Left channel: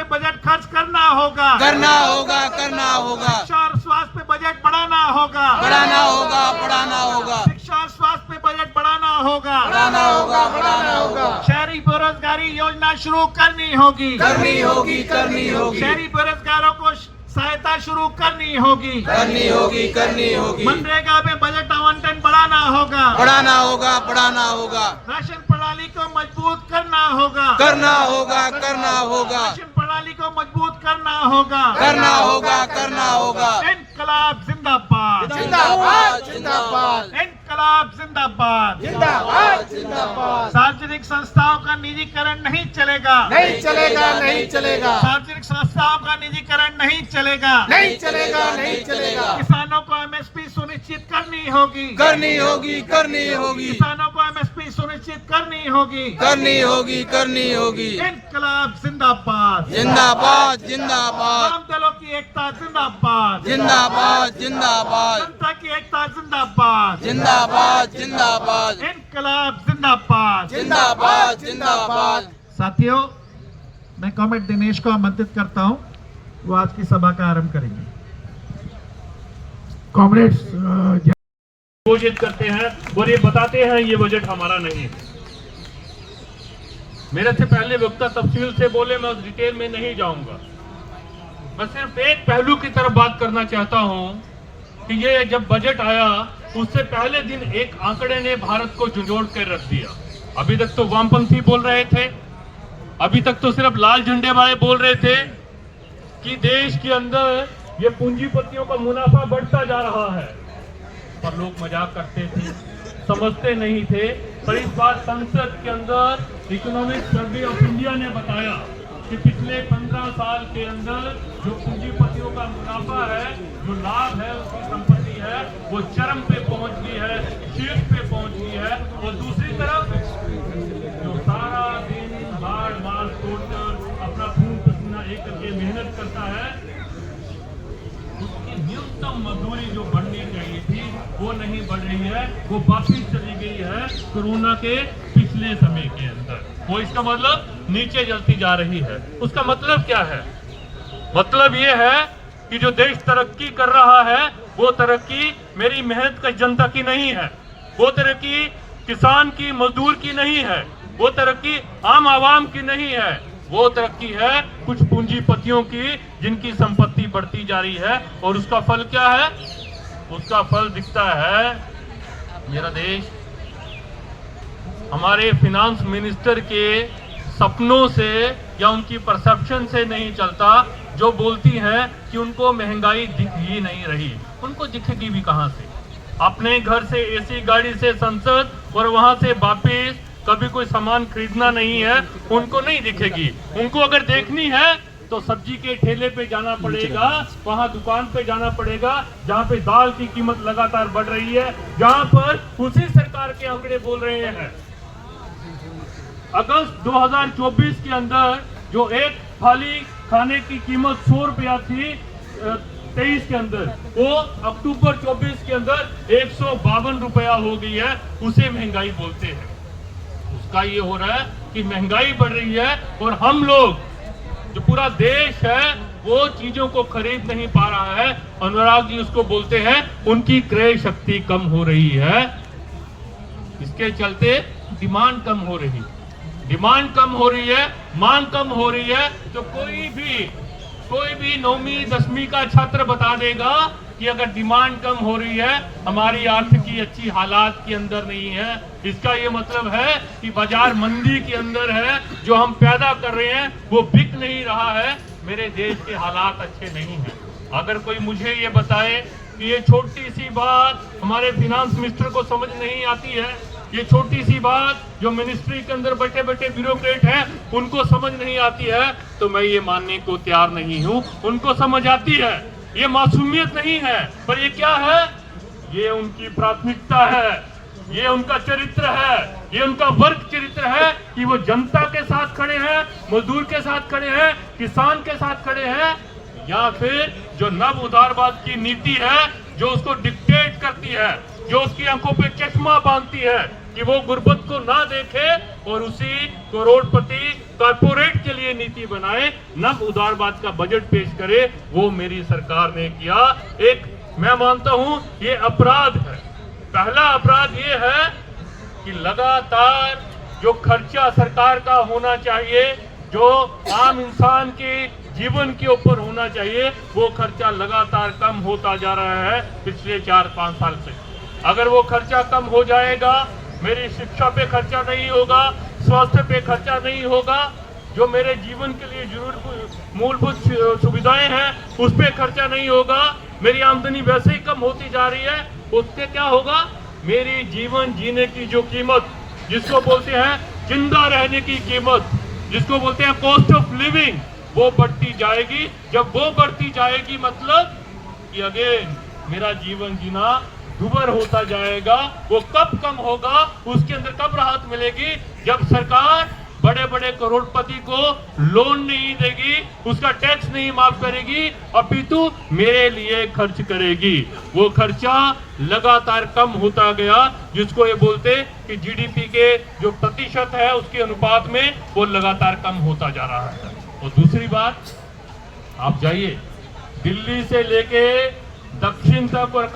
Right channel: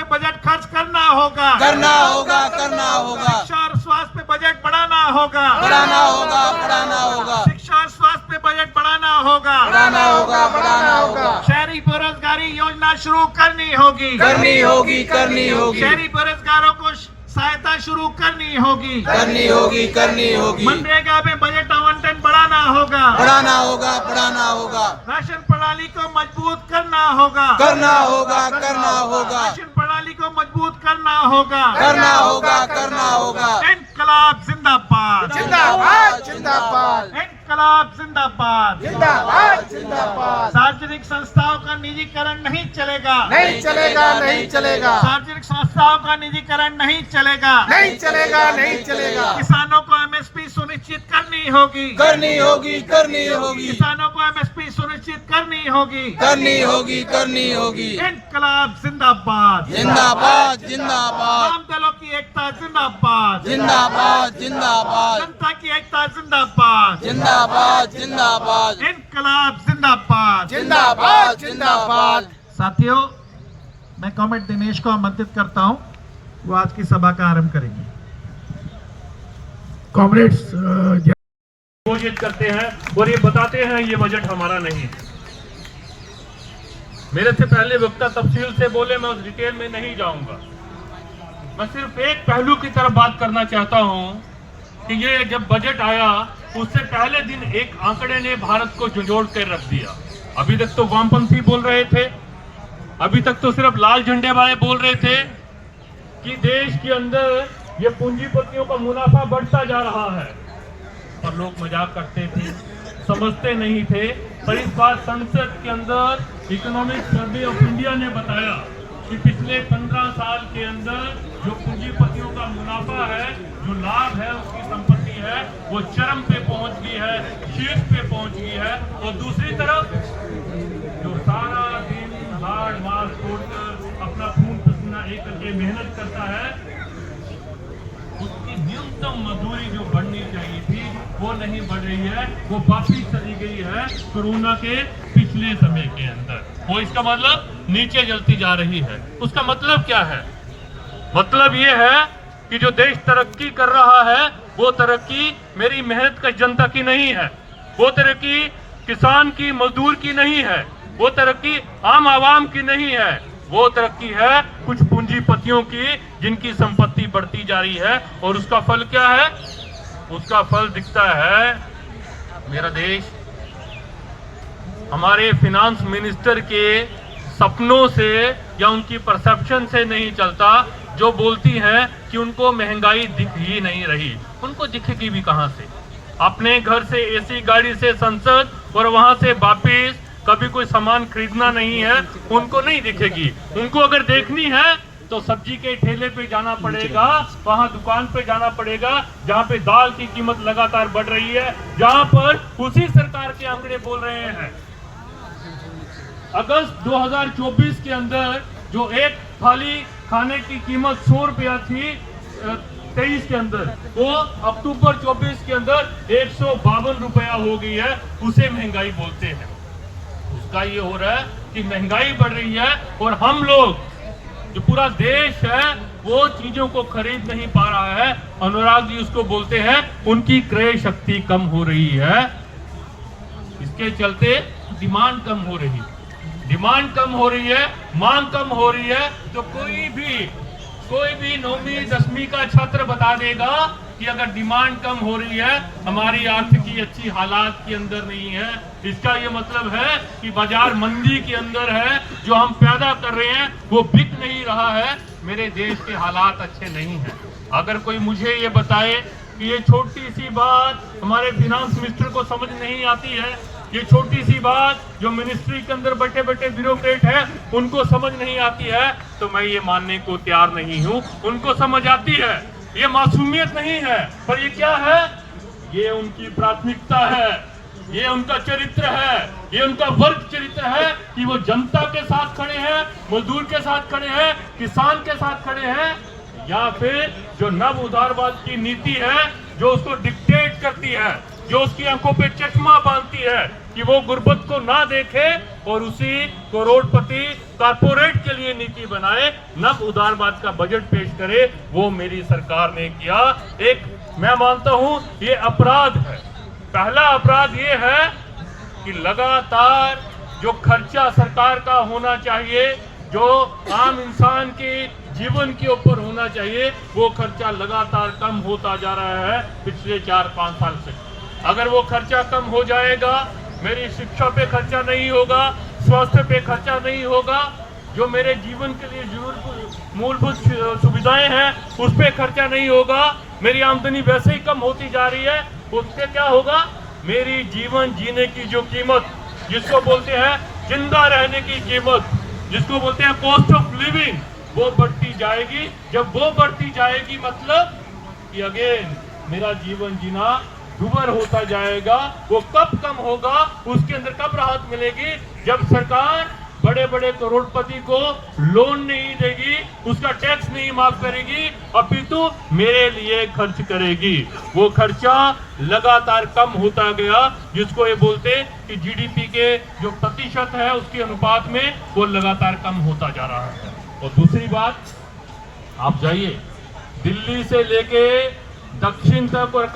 पे बजट खर्च करना होगा, करना होगा, करना होगा, शिक्षा और स्वास्थ्य पे बजट बढ़ाना होगा, बढ़ाना होगा, बढ़ाना होगा, शिक्षा और स्वास्थ्य पे बजट बढ़ाना होगा, बढ़ाना होगा, बढ़ाना होगा, शहरी बेरोजगारी योजना शुरू करनी होगी, करनी होगी, करनी होगी, शहरी बेरोजगारों को सहायता शुरू करनी होगी, करनी होगी, करनी होगी, मनरेगा में बजट आवंटन बढ़ाना होगा, बढ़ाना होगा, बढ़ाना होगा, राशन प्रणाली को मजबूत करना होगा, करना होगा, करना होगा, राशन प्रणाली को मजबूत करना होगा, करना होगा, करना होगा। इनकलाब जिंदाबाद, जिंदाबाद, जिंदाबाद, इनकलाब जिंदाबाद, जिंदाबाद, जिंदाबाद। सार्वजनिक संस्थाओं का निजीकरण नहीं चलेगा, नहीं चलेगा, नहीं चलेगा, सार्वजनिक संस्थाओं का निजीकरण नहीं चलेगा, नहीं चलेगा, नहीं चलेगा, किसानों को एमएसपी सुनिश्चित करनी होगी, करनी होगी, करनी होगी, किसानों को एमएसपी सुनिश्चित करनी होगी, करनी होगी, करनी होगी। इनकलाब जिंदाबाद, जिंदाबाद, जिंदाबाद, वाम दलों की एकता जिंदाबाद, जिंदाबाद, जिंदाबाद, जनता की एकता जिंदाबाद, जिंदाबाद, जिंदाबाद, इनकलाब जिंदाबाद, जिंदाबाद, जिंदाबाद। साथियों, मैं कॉमरेड दिनेश को आमंत्रित करता हूं, वो आज की सभा का आरंभ करेंगे। कॉमरेड्स घोषित करते हैं और ये बताते हैं ये बजट हमारा नहीं है। मेरे से पहले वक्ता तफसील से बोले, मैं उस डिटेल में नहीं जाऊंगा। मैं सिर्फ एक पहलू की तरफ बात करना चाहता हूं कि ये जब बजट आया उससे पहले दिन एक आंकड़े ने भारत को झंझोड़ कर रख दिया। अभी तक तो वामपंथी बोल रहे थे, अभी तक तो सिर्फ लाल झंडे वाले बोल रहे थे कि देश के अंदर ये पूंजीपतियों का मुनाफा बढ़ता जा रहा है, और लोग मजाक करते थे, समझते नहीं थे। पर इस बार संसद के अंदर इकोनॉमिक सर्वे ऑफ इंडिया ने बताया कि पिछले 15 साल के अंदर जो पूंजीपतियों का मुनाफा है, जो लाभ है, उसकी संपत्ति है, वो चरम पे पहुंच गई है, शीर्ष पे पहुंच गई है। और दूसरी तरफ जो सारा दिन हार्ड मार छोड़कर अपना खून पसीना एक करके मेहनत करता है, उसकी न्यूनतम मजदूरी जो बढ़नी चाहिए थी वो नहीं बढ़ रही है, वो वापिस चली गई है कोरोना के पिछले समय के अंदर। वो इसका मतलब नीचे चलती जा रही है। उसका मतलब क्या है? मतलब ये है कि जो देश तरक्की कर रहा है वो तरक्की मेरी मेहनत का जनता की नहीं है, वो तरक्की किसान की, मजदूर की नहीं है, वो तरक्की आम आवाम की नहीं है, वो तरक्की है कुछ पूंजीपतियों की जिनकी संपत्ति बढ़ती जा रही है। और उसका फल क्या है? उसका फल दिखता है मेरा देश हमारे फिनांस मिनिस्टर के सपनों से या उनकी परसेप्शन से नहीं चलता, जो बोलती हैं कि उनको महंगाई दिख ही नहीं रही। उनको दिखेगी भी कहां से? अपने घर से एसी गाड़ी से संसद और वहां से वापिस कभी कोई सामान खरीदना नहीं है, उनको नहीं दिखेगी। उनको अगर देखनी है तो सब्जी के ठेले पे जाना पड़ेगा, वहां दुकान पे जाना पड़ेगा जहां पे दाल की कीमत लगातार बढ़ रही है, जहां पर उसी सरकार के आंकड़े बोल रहे हैं अगस्त 2024 के अंदर जो एक थाली खाने की कीमत 100 रुपया थी 23 के अंदर, वो अक्टूबर 24 के अंदर 152 रुपया हो गई है। उसे महंगाई बोलते हैं। उसका ये हो रहा है कि महंगाई बढ़ रही है और हम लोग, जो पूरा देश है, वो चीजों को खरीद नहीं पा रहा है। अनुराग जी उसको बोलते हैं उनकी क्रय शक्ति कम हो रही है। इसके चलते डिमांड कम हो रही है, डिमांड कम हो रही है, मांग कम हो रही है। तो कोई भी 9वीं 10वीं का छात्र बता देगा कि अगर डिमांड कम हो रही है, हमारी आर्थिकी अच्छी हालात के अंदर नहीं है, इसका ये मतलब है कि बाजार मंदी के अंदर है। जो हम पैदा कर रहे हैं वो बिक नहीं रहा है, मेरे देश के हालात अच्छे नहीं हैं। अगर कोई मुझे ये बताए कि ये छोटी सी बात हमारे फिनांस मिनिस्टर को समझ नहीं आती है, ये छोटी सी बात जो मिनिस्ट्री के अंदर बैठे बैठे ब्यूरोक्रेट हैं उनको समझ नहीं आती है, तो मैं ये मानने को तैयार नहीं हूँ। उनको समझ आती है, ये मासूमियत नहीं है, पर ये क्या है? ये उनकी प्राथमिकता है, ये उनका चरित्र है, ये उनका वर्ग चरित्र है कि वो जनता के साथ खड़े हैं, मजदूर के साथ खड़े हैं, किसान के साथ खड़े हैं, या फिर जो नव उदारवाद की नीति है जो उसको डिक्टेट करती है, जो उसकी आंखों पे चश्मा बांधती है कि वो गुर्बत को ना देखे और उसी करोड़पति कारपोरेट के लिए नीति बनाए, न उदारवाद का बजट पेश करे। वो मेरी सरकार ने किया। एक मैं मानता हूं ये अपराध है। पहला अपराध ये है कि लगातार जो खर्चा सरकार का होना चाहिए, जो आम इंसान के जीवन के ऊपर होना चाहिए, वो खर्चा लगातार कम होता जा रहा है पिछले 4-5 साल से। अगर वो खर्चा कम हो जाएगा, मेरी शिक्षा पे खर्चा नहीं होगा, स्वास्थ्य पे खर्चा नहीं होगा, जो मेरे जीवन के लिए जरूरत मूलभूत सुविधाएं हैं उस पे खर्चा नहीं होगा, मेरी आमदनी वैसे ही कम होती जा रही है, उससे क्या होगा, मेरी जीवन जीने की जो कीमत, जिसको बोलते हैं जिंदा रहने की कीमत, जिसको बोलते हैं कॉस्ट ऑफ लिविंग, वो बढ़ती जाएगी। जब वो बढ़ती जाएगी मतलब कि अगेन मेरा जीवन जीना दुभर होता जाएगा। वो कब कम होगा, उसके अंदर कब राहत मिलेगी, जब सरकार बड़े बड़े करोड़पति को लोन नहीं देगी, उसका टैक्स नहीं माफ करेगी, अपितु मेरे लिए खर्च करेगी। वो खर्चा लगातार कम होता गया, जिसको ये बोलते कि जीडीपी के जो प्रतिशत है उसके अनुपात में वो लगातार कम होता जा रहा है। और दूसरी बात, आप जाइए दिल्ली से लेके दक्षिण तक और